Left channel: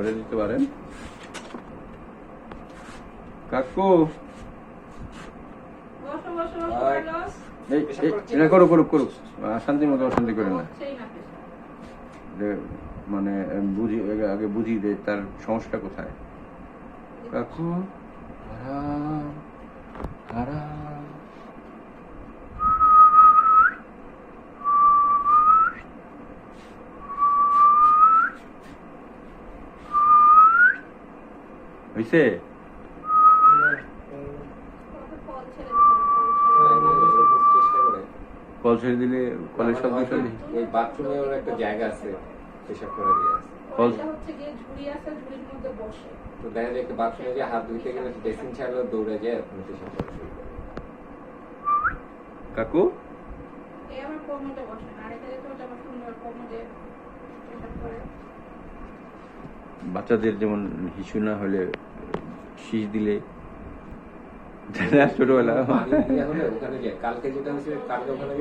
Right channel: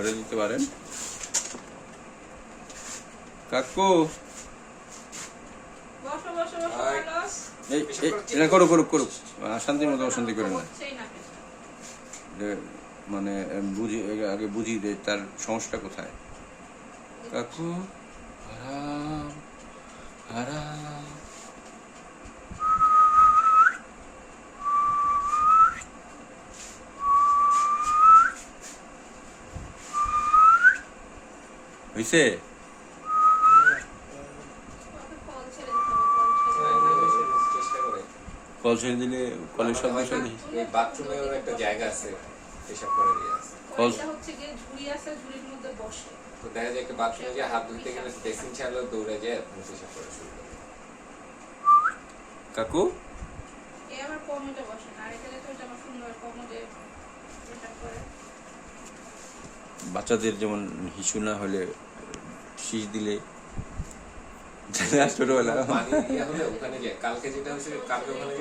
করে দিতে পারেন। কাকু। এটা করুক করুক আহ, মতো অশান্তি করে না। মানে বুঝি আগে- আগে বুঝি যে তার সমস্যা কোথায়? কাকু। আরাম আরাম। হইছে কল ছেড়ে দিলে কলের শব্দ শুনি এই বাথরুমেও একটা জায়গা আছে পেশাব করে দিয়ে আছে কল- হচ্ছে গিয়ে ঝুড়ি আছে, ঝুড়ির মধ্যে বসে। তো দেখা যায় বাথরুমে যে হাত ধুইতে গেলে বেসিন ছাড়লেও দৌড়ে যায় আপনি পেশাব করে কাকু? এ আমার কোমরে বসে না, আরেকটা যেটা হচ্ছে আমার সুন্দর কোমরে বাচ্চাদের যেমন হিসু না হলে শীষ দিলে। ছোটবেলা। কালকে যেটা হয়েছে কালকে ওখানে